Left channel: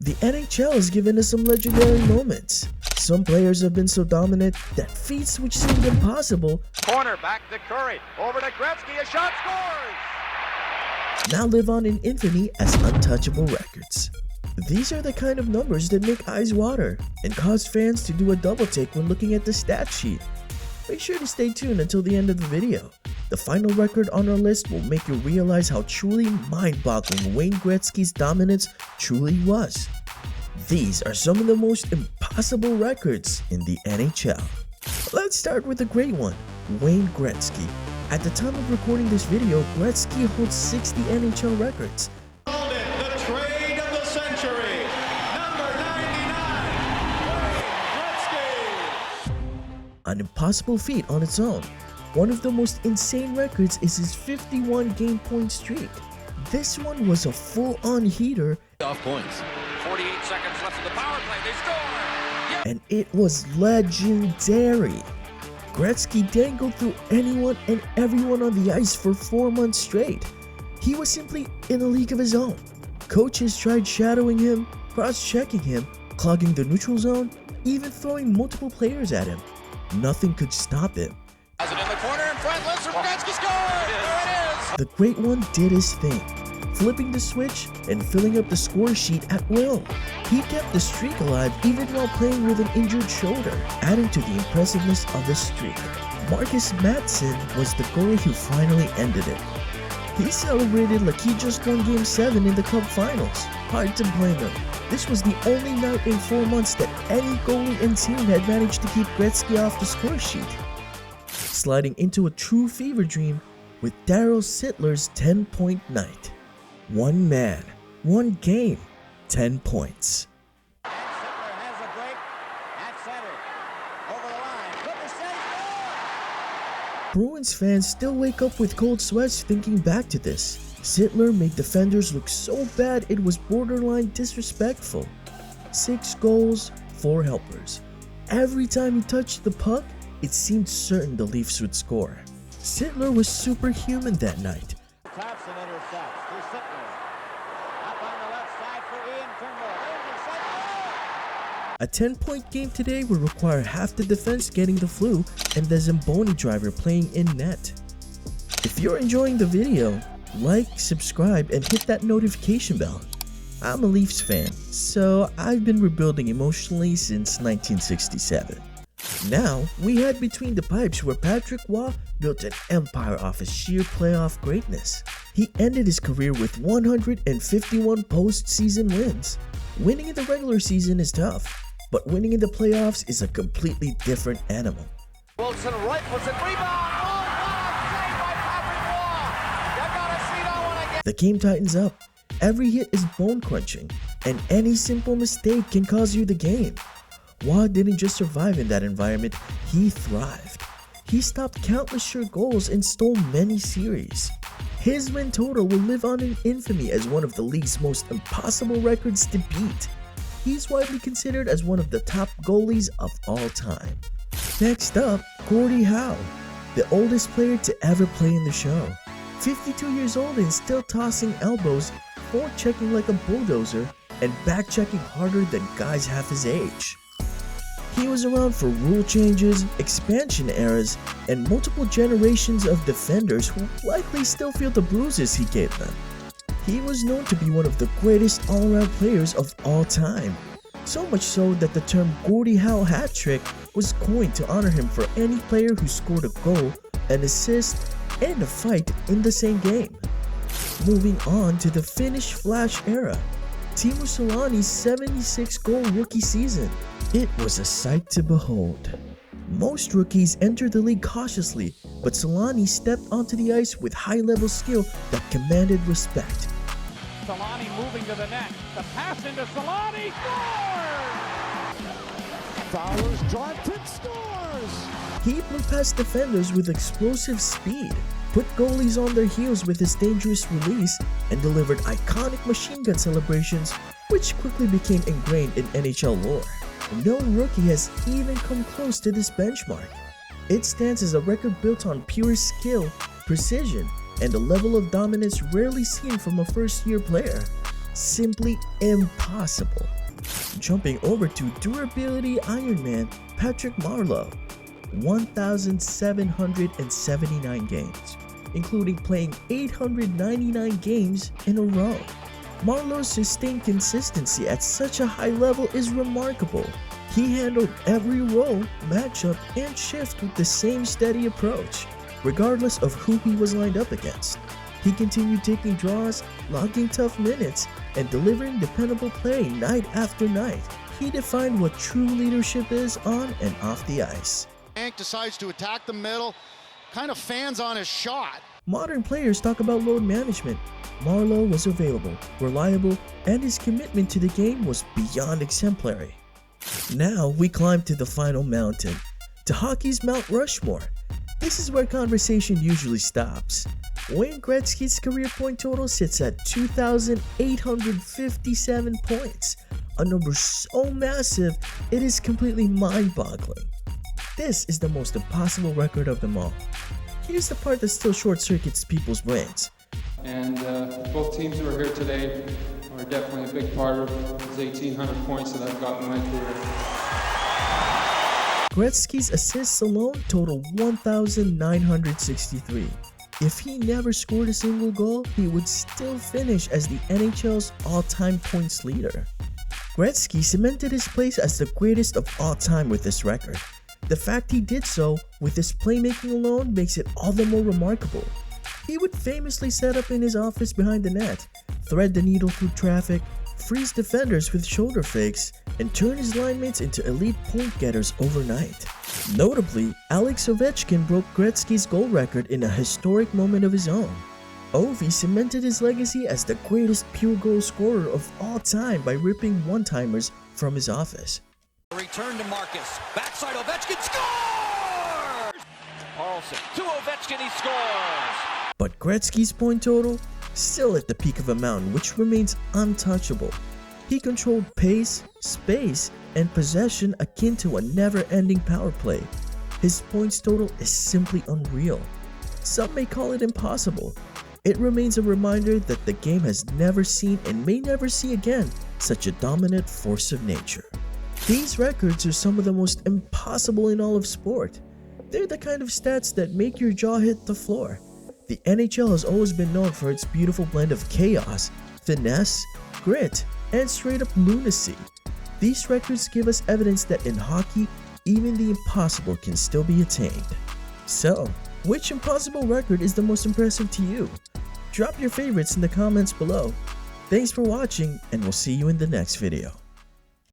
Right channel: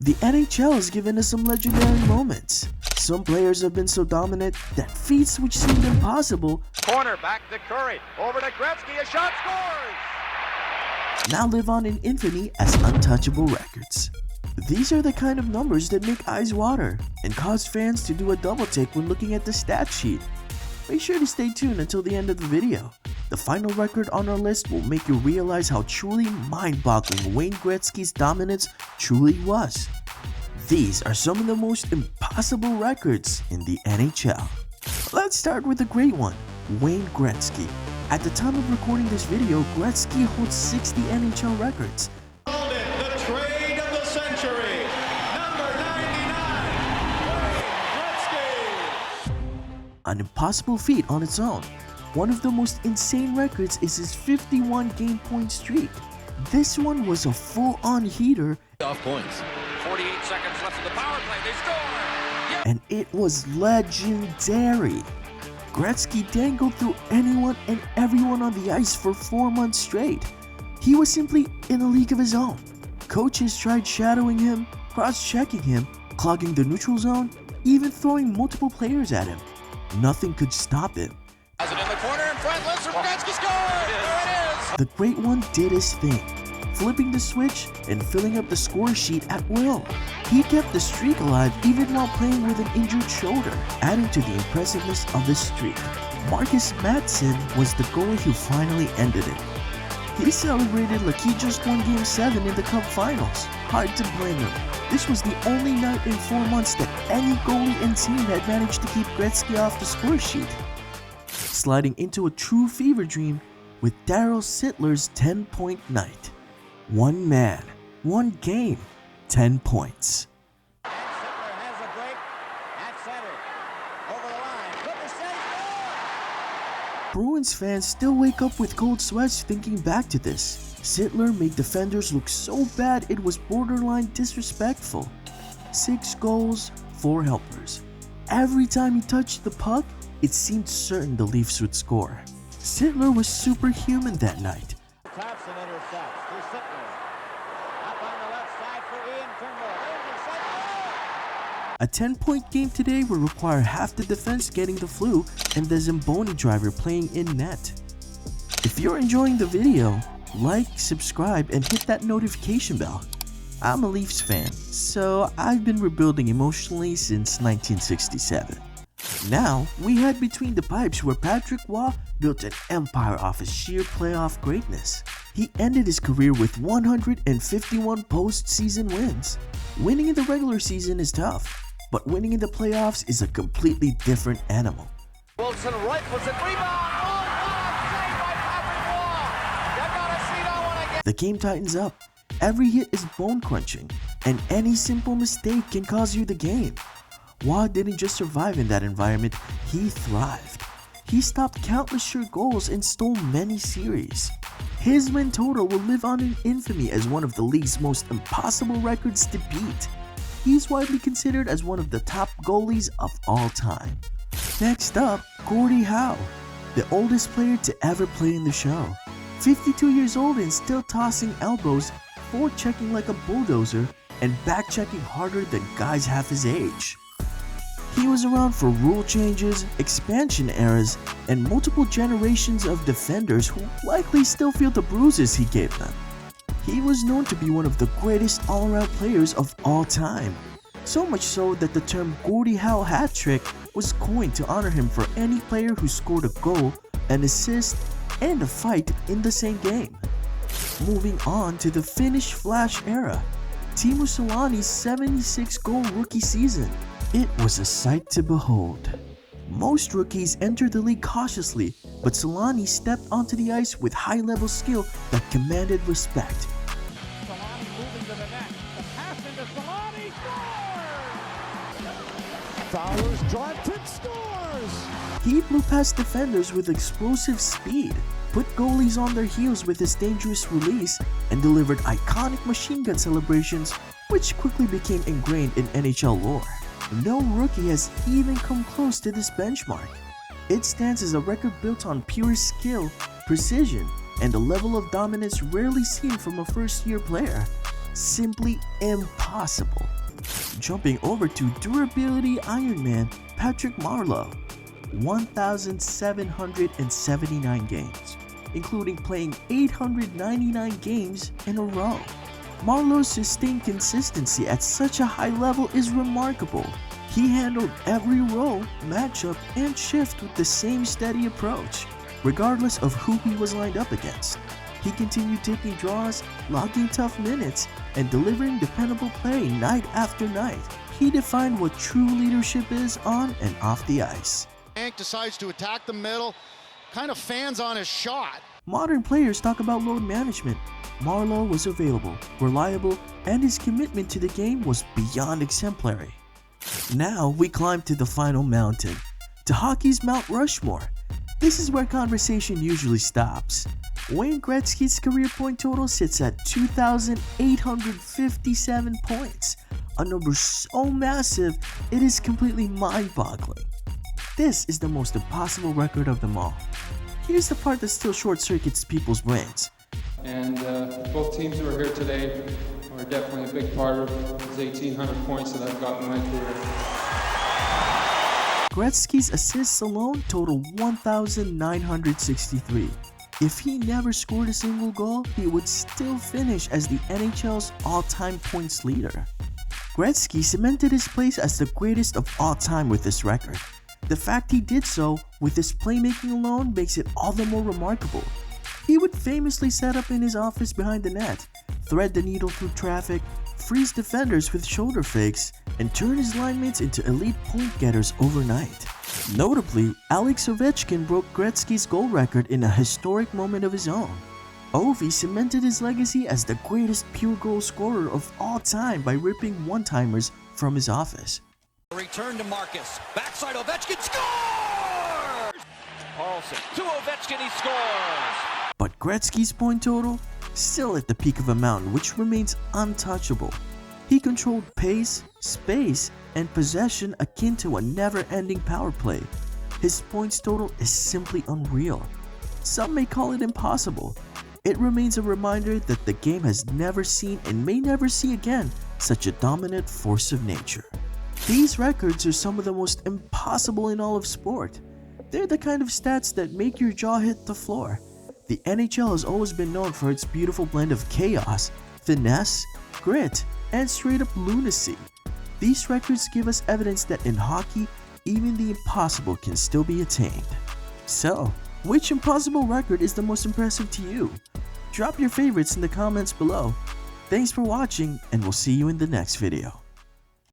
The NHL has given us some legendary moments. Some players have been so dominant that feats which seemed impossible corner back to Curry, over to Gretzky, a shot, scores! now live on in infamy as untouchable records. These are the kind of numbers that make eyes water and cause fans to do a double take when looking at the stat sheet. Make sure to stay tuned until the end of the video. The final record on our list will make you realize how truly mind-boggling Wayne Gretzky's dominance truly was. These are some of the most impossible records in the NHL. Let's start with a great one, Wayne Gretzky. At the time of recording this video, Gretzky holds 60 NHL records. The trade of the century, number 99, Wayne Gretzky. An impossible feat on its own. One of the most insane records is his 51 game point streak. This one was a full-on heater, Off points. 48 seconds left in the power play, they score! and it was legendary. Gretzky dangled through anyone and everyone on the ice for 4 months straight. He was simply in a league of his own. Coaches tried shadowing him, cross-checking him, clogging the neutral zone, even throwing multiple players at him. Nothing could stop him. Has it in the corner in front, lets Gretzky score! There it is! The great one did his thing, flipping the switch and filling up the score sheet at will. He kept the streak alive even while playing with an injured shoulder, adding to the impressiveness of his streak. Marcus Matson was the goalie who finally ended it. He celebrated like he just won Game 7 in the Cup Finals. Hard to blame him. This was the only night in 4 months that any goalie and team had managed to keep Gretzky off the score sheet. Sliding into a true fever dream with Daryl Sittler's 10-point night. One man, one game, 10 points. And Sittler has a break at center. Over the line. Clippers save, score! Bruins fans still wake up with cold sweats thinking back to this. Sittler made defenders look so bad it was borderline disrespectful. 6 goals, 4 helpers. Every time he touched the puck, it seemed certain the Leafs would score. Sittler was superhuman that night. Thompson intercepts to Sittler. Up on the left side for Ian Turnbull. Intercept, goal! A 10-point game today would require half the defense getting the flu and the Zamboni driver playing in net. If you're enjoying the video, like, subscribe, and hit that notification bell. I'm a Leafs fan, so I've been rebuilding emotionally since 1967. Now, we head between the pipes where Patrick Waugh built an empire off his sheer playoff greatness. He ended his career with 151 postseason wins. Winning in the regular season is tough, but winning in the playoffs is a completely different animal. Wilson rifles it, rebound! Oh, what a save by Patrick Waugh! You gotta see that one again! The game tightens up. Every hit is bone crunching, and any simple mistake can cause you the game. Waugh didn't just survive in that environment, he thrived. He stopped countless sure goals and stole many series. His win total will live on in infamy as one of the league's most impossible records to beat. He's widely considered as one of the top goalies of all time. Next up, Gordie Howe, the oldest player to ever play in the show. 52 years old and still tossing elbows, forechecking like a bulldozer, and backchecking harder than guys half his age. He was around for rule changes, expansion eras, and multiple generations of defenders who likely still feel the bruises he gave them. He was known to be one of the greatest all-around players of all time, so much so that the term Gordie Howe hat trick was coined to honor him for any player who scored a goal, an assist, and a fight in the same game. Moving on to the Finnish Flash era, Teemu Selanne's 76-goal rookie season. It was a sight to behold. Most rookies entered the league cautiously, but Selanne stepped onto the ice with high-level skill that commanded respect. Selanne moving to the net. The pass into Selanne. Scores! Fowler's drive pin scores. He blew past defenders with explosive speed, put goalies on their heels with his dangerous release, and delivered iconic machine gun celebrations, which quickly became ingrained in NHL lore. No rookie has even come close to this benchmark. It stands as a record built on pure skill, precision, and a level of dominance rarely seen from a first-year player. simply impossible. Jumping over to durability Iron Man Patrick Marleau, 1,779 games, including playing 899 games in a row. Marleau's sustained consistency at such a high level is remarkable. He handled every role, matchup, and shift with the same steady approach, regardless of who he was lined up against. He continued taking draws, logging tough minutes, and delivering dependable play night after night. He defined what true leadership is on and off the ice. Hank decides to attack the middle, kind of fans on his shot. Modern players talk about load management. Marleau was available, reliable, and his commitment to the game was beyond exemplary. Now we climb to the final mountain, to hockey's Mount Rushmore. This is where conversation usually stops. Wayne Gretzky's career point total sits at 2,857 points, a number so massive it is completely mind-boggling. This is the most impossible record of them all. Here's the part that still short-circuits people's brains. And both teams who are here today are definitely a big part of those 1,800 points that I've gotten in my career. Gretzky's assists alone total 1,963. If he never scored a single goal, he would still finish as the NHL's all-time points leader. Gretzky cemented his place as the greatest of all time with this record. The fact he did so with his playmaking alone makes it all the more remarkable. He would famously set up in his office behind the net, thread the needle through traffic, freeze defenders with shoulder fakes, and turn his line mates into elite point getters overnight. Notably, Alex Ovechkin broke Gretzky's goal record in a historic moment of his own. Ovi cemented his legacy as the greatest pure goal scorer of all time by ripping one-timers from his office. Return to Marcus. Backside Ovechkin scores! Carlson to Ovechkin, he scores! But Gretzky's point total? Still at the peak of a mountain which remains untouchable. He controlled pace, space, and possession akin to a never-ending power play. His points total is simply unreal. Some may call it impossible. It remains a reminder that the game has never seen and may never see again such a dominant force of nature. These records are some of the most impossible in all of sport. They're the kind of stats that make your jaw hit the floor. The NHL has always been known for its beautiful blend of chaos, finesse, grit, and straight up lunacy. These records give us evidence that in hockey, even the impossible can still be attained. So, which impossible record is the most impressive to you? Drop your favorites in the comments below. Thanks for watching, and we'll see you in the next video.